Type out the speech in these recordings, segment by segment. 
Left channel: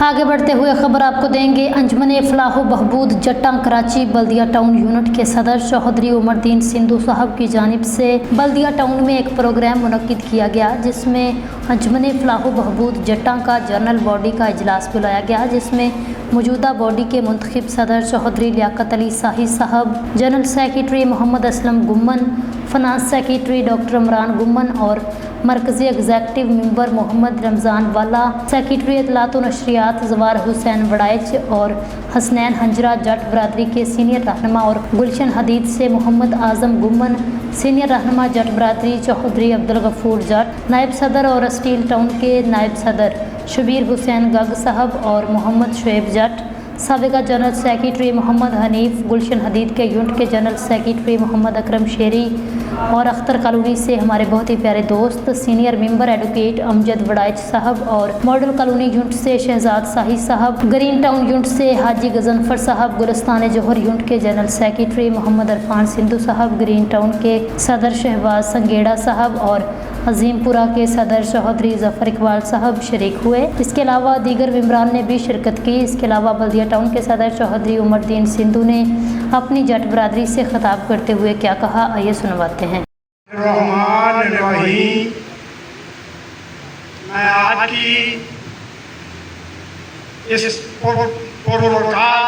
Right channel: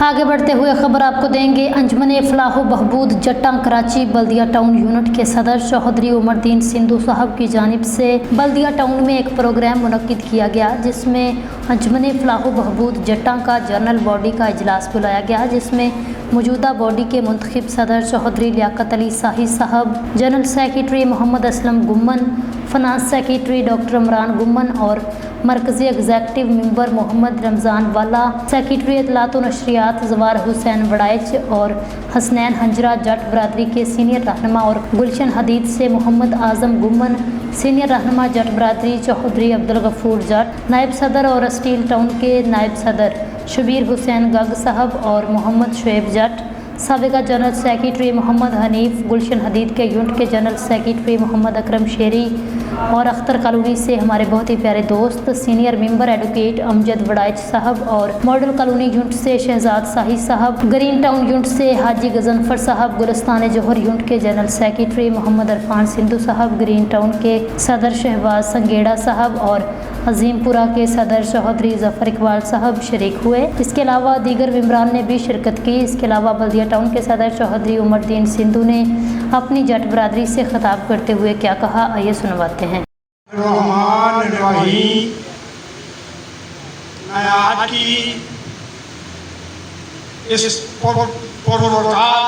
आगे बढ़ते हुए खबर आपको देंगे। अंजमन फलाह बहबूद जट्टा कराची बल्दिया टाउन यूनिट के सदर चौधरी उमरदीन सिंधु साहब की जानिब से बल्दिया टाउन में एक प्रोग्राम मुनक्किद किया गया, जिसमें अंजमन फलाह बहबूद जट्टा का जनरल बॉडी का इजलास बुलाया गया, जिसमें मौजूदा बॉडी के मुंतखब सदर चौधरी लियाकत अली शाही साहब, general secretary Mohammad Aslam Gumman, finance secretary doctor Imran Gumman और मरकज़ी एग्जेक्टिव मेंबर मोहम्मद रमज़ान वाला, सेक्रेटरी इतलात व नशरियात जवार हुसैन बड़ाइच और हसनैन हंजरा जट बरादरी के सीनियर रहनुमा और गुलशन हदीद से मोहम्मद आज़म गुम्मन, सीनियर रहनुमा जट बरादरी चौधरी अब्दुल गफूर जट, नायब सदर और स्टील टाउन के नायब सदर शबीर हुसैन गग साहब और मोहम्मद शुएब जट, साबिका जनरल सेक्रेटरी मोहम्मद हनीफ, गुलशन हदीद के यूनिट के जनरल सेक्रेटरी मोहम्मद अकरम शेरी और अख्तर कॉलोनी से हमारे बहुत ही प्यारे दोस्त senior member advocate Amjad Waraich साहब और मॉडल कॉलोनी यूनिट से शहजाद शाही साहब, ग्रीन टाउन यूनिट से हाजी गजनफर साहब, गुलिस्तान जौहर यूनिट के जनरल सेक्रेटरी मोहम्मद अरफान सिंधु साहब, ग्रीन टाउन के सदर शहबाज संगेड़ा साहब और अजीमपुरा के सदर चौधरी जफ़र इकबाल साहब शरीक हुए। इसके अलावा दीगर मेंबरान ने भी शिरकत की। इसके अलावा बल्दिया टाउन के सदर चौधरी उमरदीन सिंधु ने अपनी जट बरादरी से खिताब करते हुए क्या कहा, आइए सुनवाते हैं। मैं आज की इस पुरस्कार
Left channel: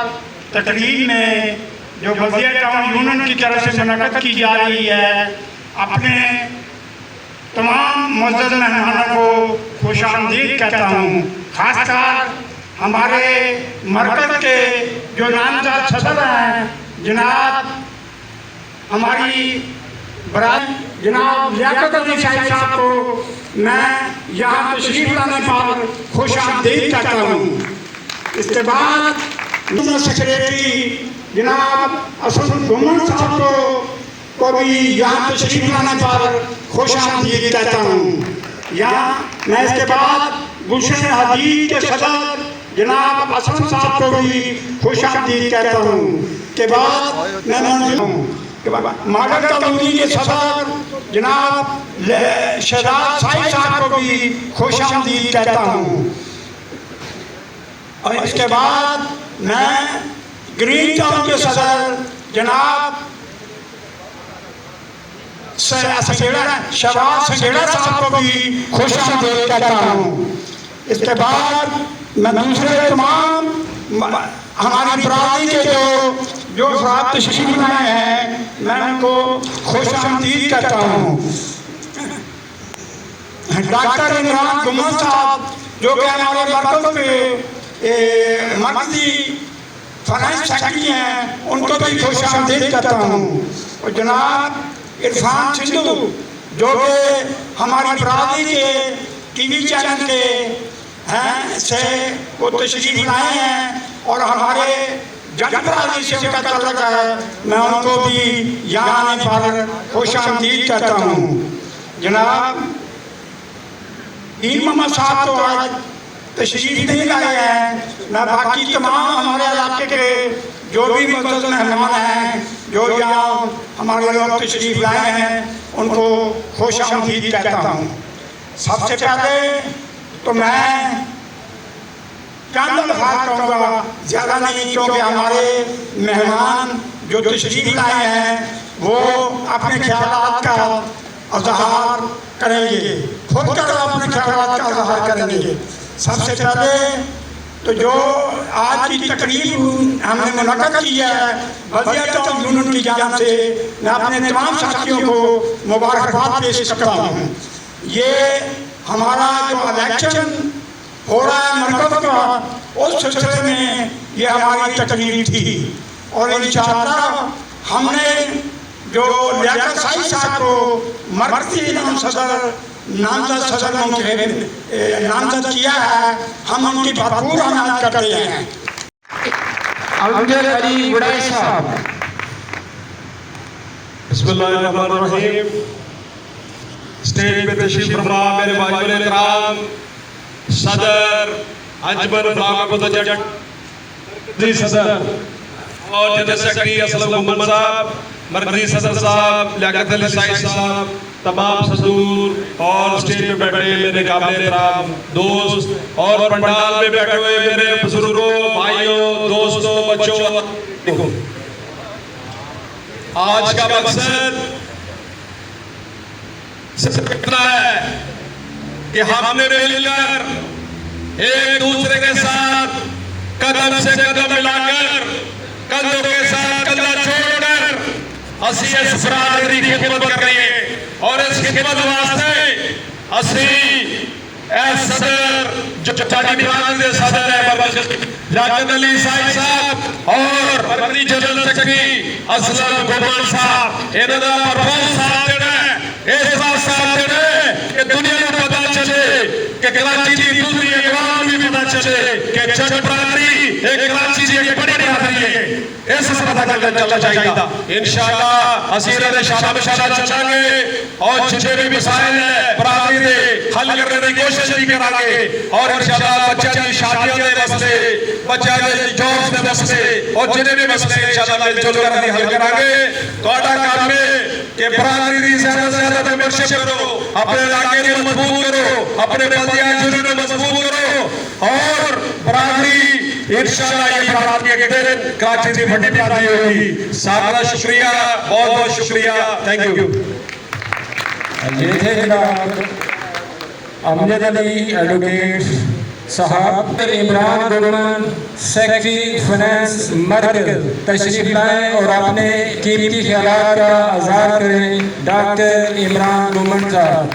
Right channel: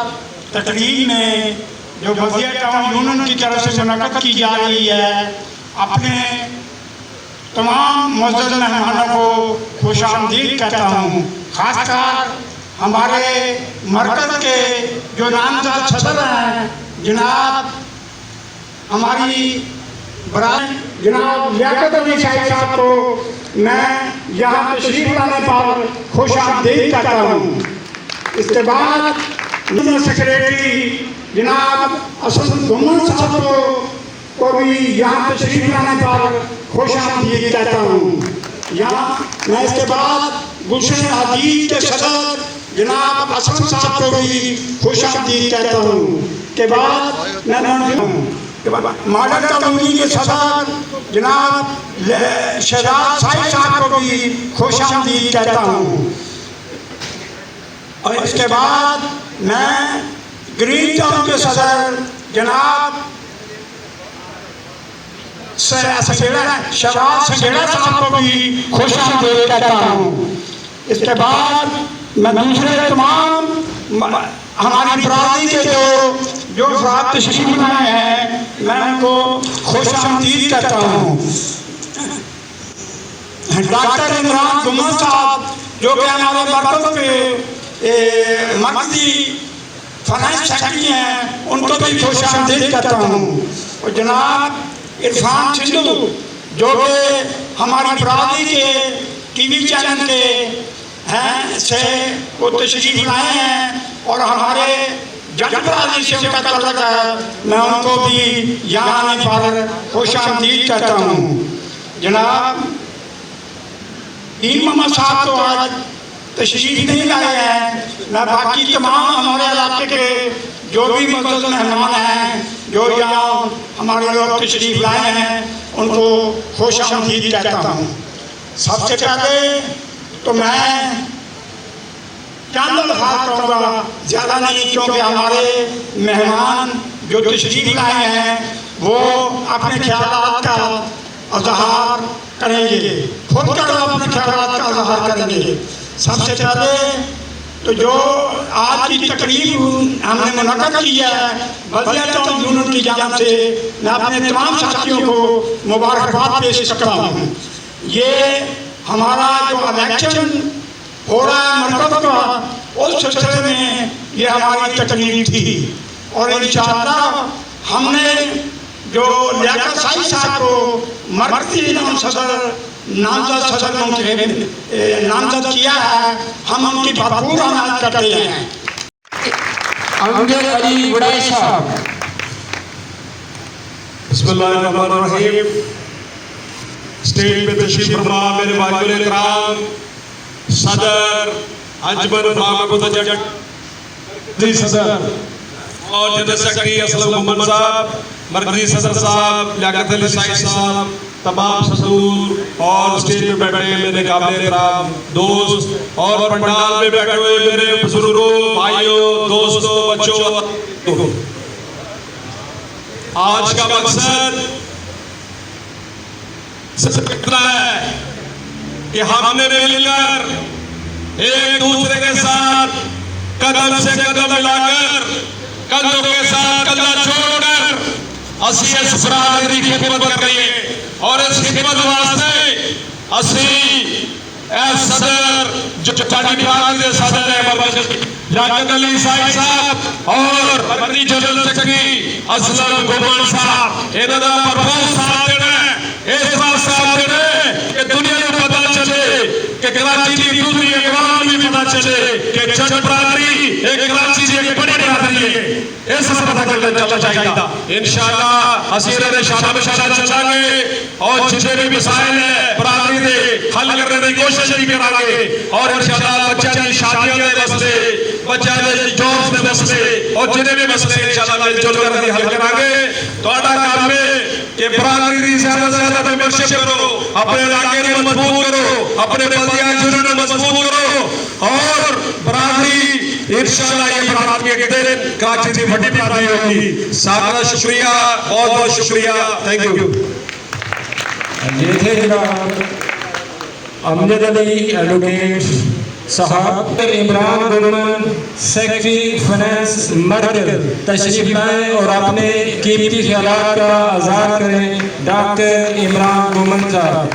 तकरीर में जो बल्दिया टाउन यूनियन की तरफ से मुनक्किद की जा रही है, अपने तमाम मुअज़्ज़ज़ मेहमानों को खुशामदीद कहता हूँ। खासकर हमारे मरकज़ के जो नामज़द सदर हैं जनाब हमारी बरादरी जनाब लियाकत अली शाही साहब को मैं यहाँ तशरीफ लाने पर खुशामदीद कहता हूँ। इसके बाद सेक्रेटरी जनाब असद गुम्मन साहब को भी यहाँ तशरीफ लाने पर खुशामदीद कहता हूँ। यहाँ मैं इसके बाद गुलशन हदीद के सदर जनाब असलम साहब को भी खुशामदीद कहता हूँ। के बाद मैं मॉडल कॉलोनी के सदर जनाब शहजाद शाही साहब को भी खुशामदीद कहता हूँ। और इसके बाद मैं ग्रीन टाउन के सदर जनाब शहबाज संगेड़ा साहब को भी खुशामदीद कहता हूँ। इसके बाद मैं दूसरे तमाम हमारी बरादरी के जो अफराद तशरीफ लाए हैं मैं उनको खुशामदीद कहता हूँ। डॉक्टर इमरान गुम्मन साहब जो कि हमारे मरकज़ के मरकज़ी फाइनेंस सेक्रेटरी हैं, उनको भी खुशामदीद कहता हूँ। और जनाब इरफान सिंधु जो कि हमारी बरादरी के टीवी चैनल के हैं से वो तशरीफ लाए हैं और हमारे जट बरादरी से उनका ताल्लुक है, मैं उनको भी यहाँ आने पर खुशामदीद कहता हूँ। जनाब मोहम्मद साहब तो आज तशरीफ नहीं लाए हैं, मैं बाकी तमाम हमारे इलाके के जो भी मुअज़्ज़ज़ मेहमान हैं जो यहाँ हमारे लोग तशरीफ लाए हैं उनको खुशामदीद कहता हूँ। सबसे पहले तो मैं चंद अल्फाज़ कहूँगा, ज़्यादा नहीं, क्योंकि हमारे मेहमान जो तशरीफ लाए हैं वो अपने ख्यालात का इज़हार करेंगे, खुद कर अपने ख्यालात का इज़हार करेंगे। सबसे पहले तो जो आज की तकरीब हमने मुनक्किद की है बल्दिया टाउन यूनियन की जानिब से, मैं अपने तमाम साथियों को मुबारकबाद पेश करता हूँ। ये हमारा जो इलेक्शन हो रहा है मरकज़ का, उस सिलसिले में ये हमारी तकरीब थी और इंशाअल्लाह हमने जो लियाकत शाही साहब को मरकज़ी नामज़द सदर नामज़द किया है, हम उनकी भरपूर आमद करते हैं। अमजद अली वड़ाइच साहब। बिस्मिल्लाहिर्रहमानिर्रहीम। स्टेज पे तशरीफ फरमा मेरे वालिद इकराम सदर अंजमन फलाह जट सदर और जनरल सेक्रेटरी असलम गुम्मन साहब, मरकज़ी सदर साहब लियाकत अली शाही साहब, तमाम सदूर और स्टेज पे बैठे मेरे काबिल एहतराम दोस्त और पंडाल में बैठे हुए मेरे बुजुर्गों, भाइयों, दोस्तों, बच्चों, आज का मकसद सिर्फ इतना है कि हमने मिलकर एक दूसरे के साथ कदम से कदम मिलाकर, कंधों के साथ कंधा जोड़कर असी इस बरादरी की खिदमत करिए और इस खिदमत वास्ते असी सदर जो चाटी बिहार के सदर है याकत अली साहब और मंत्री जनरल सेक्रेटरी असलम गोपाल साहब इन्होंने बहुत साथ देना इस बात साथ देना कि दुनिया को पता चले कि कराची की दूसरी अवाम भी पता चले कि जट बरादरी एक कराची की एक बड़ी बरादरी है। इस पता चलना चाहिए इंशाअल्लाह असीर दे शादा में चलांगे और जितने भी मसाइल है बरादरी दे हल करने की कोशिश भी करांगे और इंशाअल्लाह बच्चों की शादियों के मसले, बच्चों के जॉब्स के मसले और जितने भी मसले इंशाअल्लाह मिलजुल कर हल करांगे। तोड़ा काम में कि बरादरी की ज्यादा से ज्यादा मेंबरशिप करो, अपने इलाके को मजबूत करो, अपने बल्दिया जुर्म को मजबूत करो और बरादरी इंशाअल्लाह ये बरादरी के दिन कराची की बड़ी बरादरी होगी। सारा शुक्रिया, बहुत बहुत शुक्रिया, थैंक यू। ये थे जनाब अमजद अली एडवोकेट साहब, इमरान गुलमन सेक्रेटरी फाइनेंस मरकज तशरीफ लाएं और अपने कीमती ख्यालात का आज़ाद करें। डॉक्टर इमरान गुलमन साहब।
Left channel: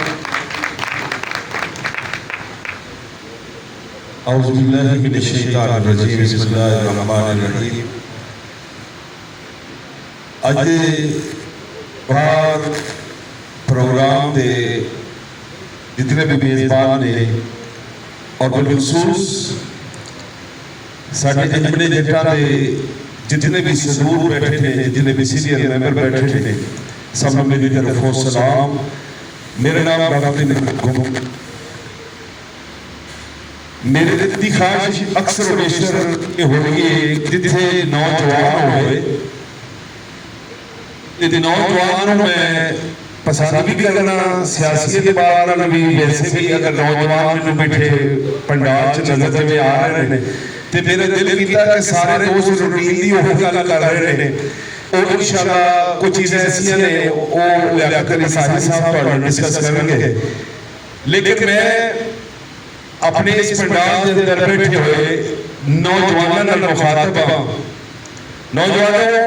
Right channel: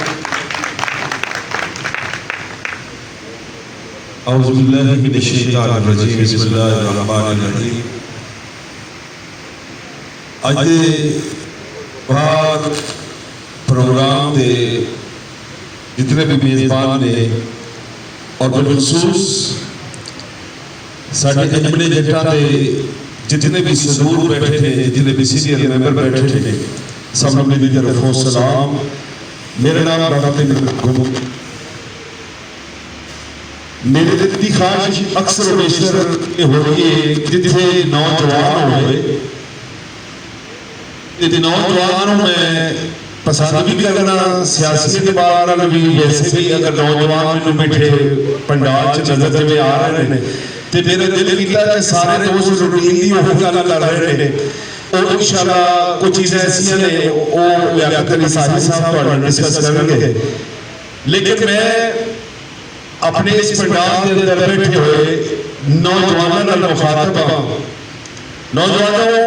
औज़ु बिल्लाहि मिनश शैतानिर रजीम, बिस्मिल्लाहिर रहमानिर रहीम। अज बार प्रोग्राम के जितने भी मेजबान ने और बिलखसूस साढ़े अजमने जट्टा के जितने भी सदूर बैठे थे, जितने भी सीनियर मेंबर बैठे थे, सब मेरी तरफ सलाम। मेरा नाम डॉक्टर मेरे दिल ख्वाहिश अक्सर बेशतर ये हो रही है जिथे नौजवान होए नौजवानों में पसंद भी करना सियासी के बाद भी, वैसे भी अगर नौजवान मैनू बैठे पंडाल च नजर में आ रहे हैं तो मेरा दिल किया कि सारे दोस्त रूटीन की वो गल कर रहे हैं और इंशाअल्लाह कुछ चीज़ें ऐसी ने वो लियाकत अली साहब डिस्कस करेंगे। लेकिन मैं अपने इस पंडाल के अंदर बैठे हुए नौजवानों का मुखातब हाँ। नौजवानों,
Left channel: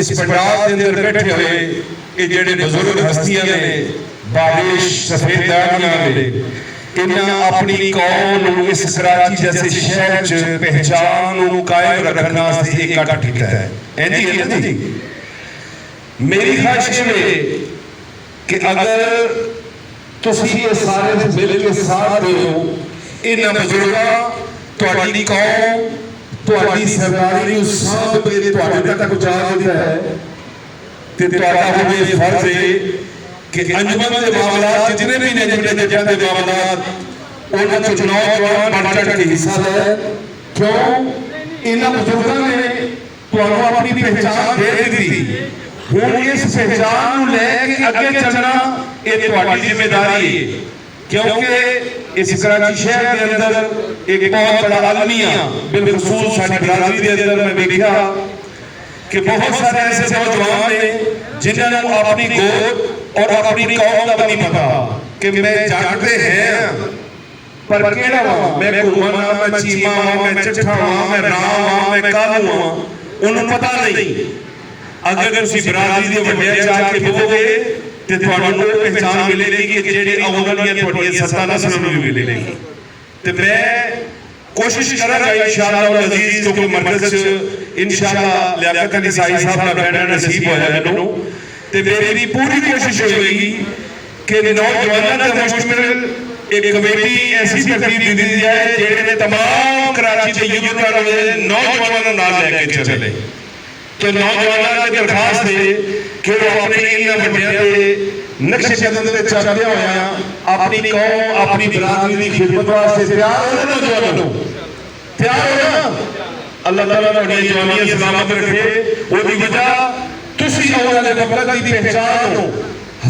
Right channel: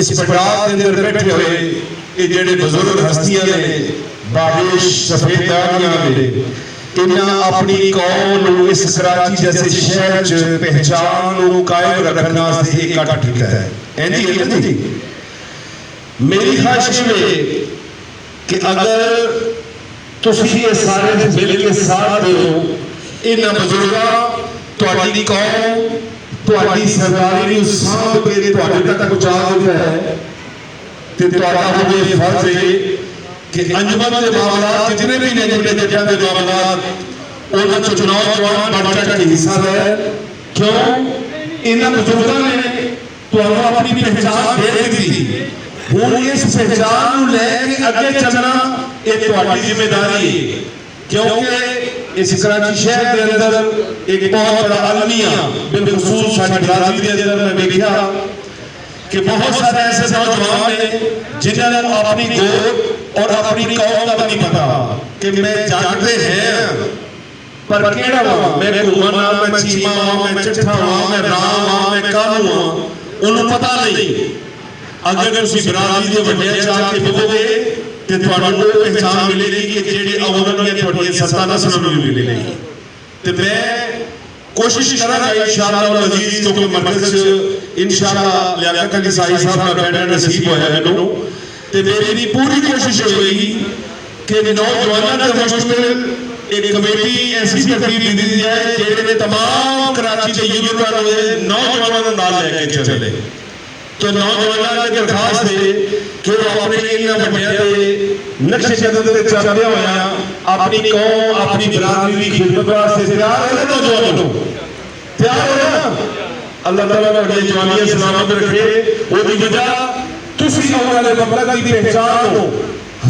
इस पंडाल के अंदर बैठे हुए ये जेडे बुजुर्ग हस्तियां ने बारिश सफेद दानियां ने इन्हें अपनी कौम को इस कराची जैसे शहर च पहचान को कायम रखने वास्ते इकट्ठा किया है। ऐंजी है ना जी, मेरी ख्वाहिश है कि अगर तुसी ये सारे मिल के साथ हो इन बुजुर्गों तुहाडी कौम तुहाडी सरदारी नूं सांभ के तुहाडे तक पहुंचा देता है ते तुहाडा होवे फर्ज है कि अंजुमन के मामलात जितने भी ने जितने जट्टां दे मामलात उन्हां च नौजवान बढ़ चढ़ के हिस्सा ले। क्यों इन्हां बुजुर्गों ने तुहानूं अपनी पहचान दे दी, हुण इस पहचान नूं लैके अगे चलना ये तुहाडी जिम्मेदारी है। क्योंकि इस कराची शहर के अंदर एक बहुत बड़ा अलमिया बिलखसूस साडी बरादरी के अंदर मैं देखा कि बहुत सारे ऐसे नौजवान हैं जिन्होंने अपनी गोद और अपनी कौम का नहीं पता कि मैं जानते हैं पर केड़ा वा, मैं घूमना, मैं चीमा वा, मैं चिट्ठा वा, मैं राम वा, मैं कालू वा, उन्हें पता नहीं। अगर तुसी बरादरी के वड्डे जाके बोलोगे तो तुहानूं पहचान मिलेगी कि जेड़ी औलाद तुहाडी सत्ता नस्ल नूं मिलेगी। तो मैं कोशिश करांगा इंशाअल्लाह अजीज जो मरकज इंशाअल्लाह लियाकत अली साहब का बैठना नसीब होया मैनूं ते मेरी पूरी कोशिश होगी कि नौजवानों का मुश्तमिल एक कमेटी ऐसी तरतीब दी जाए जेड़े तमाम कराची के युवा नौजवानों नाल लेके चले। तो नौजवानों की दरखास्त है कि वो अपने इन वड्डियां दे नक्शे कदम ते चलदे होया अपनी कौम अपनी बरादरी की खिदमत वास्ते तैयार हो। नौजवानों तैयार हो ना, अल्लाह ताला तुहाडी जवानी सलामत रखे। वो भी वजह तुसी औलाद ममलकत की पहचान हो,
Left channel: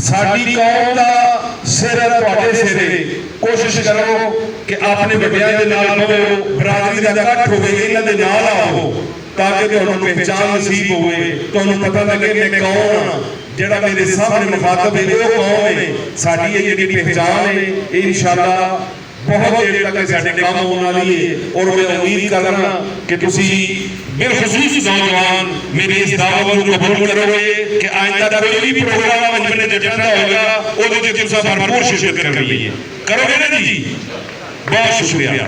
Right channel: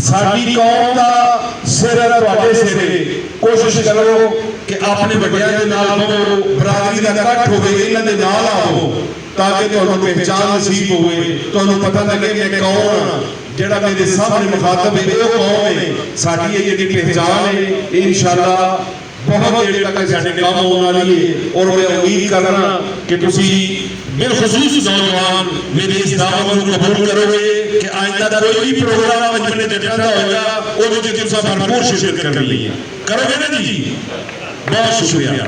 ਸਾਡੀ ਕੌਮ ਦਾ ਸਿਰ ਹੈ ਤੁਹਾਡੇ ਸਿਰੇ। ਕੋਸ਼ਿਸ਼ ਕਰੋ ਕਿ ਆਪਣੇ ਵੱਡਿਆਂ ਦੇ ਨਾਲ ਬਹੋ, ਬਰਾਦਰੀ ਦਾ ਇਕੱਠ ਹੋਵੇ, ਇਹਨਾਂ ਦੇ ਨਾਲ ਆਓ ਤਾਂ ਕਿ ਤੁਹਾਨੂੰ ਪਹਿਚਾਨ ਨਸੀਬ ਹੋਵੇ, ਤੁਹਾਨੂੰ ਪਤਾ ਲੱਗੇ ਮੈਂ ਕੌਣ ਹਾਂ, ਜਿਹੜਾ ਮੇਰੇ ਸਾਹਮਣੇ ਮੁਖਾਤਬ ਹੈ ਉਹ ਕੌਣ ਹੈ। ਸਾਡੀ ਇਹ ਜਿਹੜੀ ਪਹਿਚਾਨ ਹੈ ਇਹ ਇਨਸ਼ਾਅੱਲਾ ਬਹੁਤ ਦੇਰ ਤੱਕ ਸਾਡੇ ਕੰਮ ਆਉਣ ਵਾਲੀ ਹੈ। ਔਰ ਮੈਂ ਉਮੀਦ ਕਰਦਾ ਕਿ ਤੁਸੀਂ ਬਿਲਖਸੂਸ ਨੌਜਵਾਨ ਮੇਰੀ ਇਸ ਦਾਵਤ ਨੂੰ ਕਬੂਲ ਕਰੋਗੇ ਕਿ ਆਇੰਦਾ ਕੋਈ ਵੀ ਪ੍ਰੋਗਰਾਮ ਅੰਜਮਨ ਜੱਟਾਂ ਦਾ ਹੋਏਗਾ ਉਹਦੇ ਵਿੱਚ ਤੁਸੀਂ ਭਰਪੂਰ ਸ਼ਿਰਕਤ ਕਰਨੀ ਹੈ। ਕਰੋਗੇ ਨਾ ਜੀ? ਬਹੁਤ ਸ਼ੁਕਰੀਆ।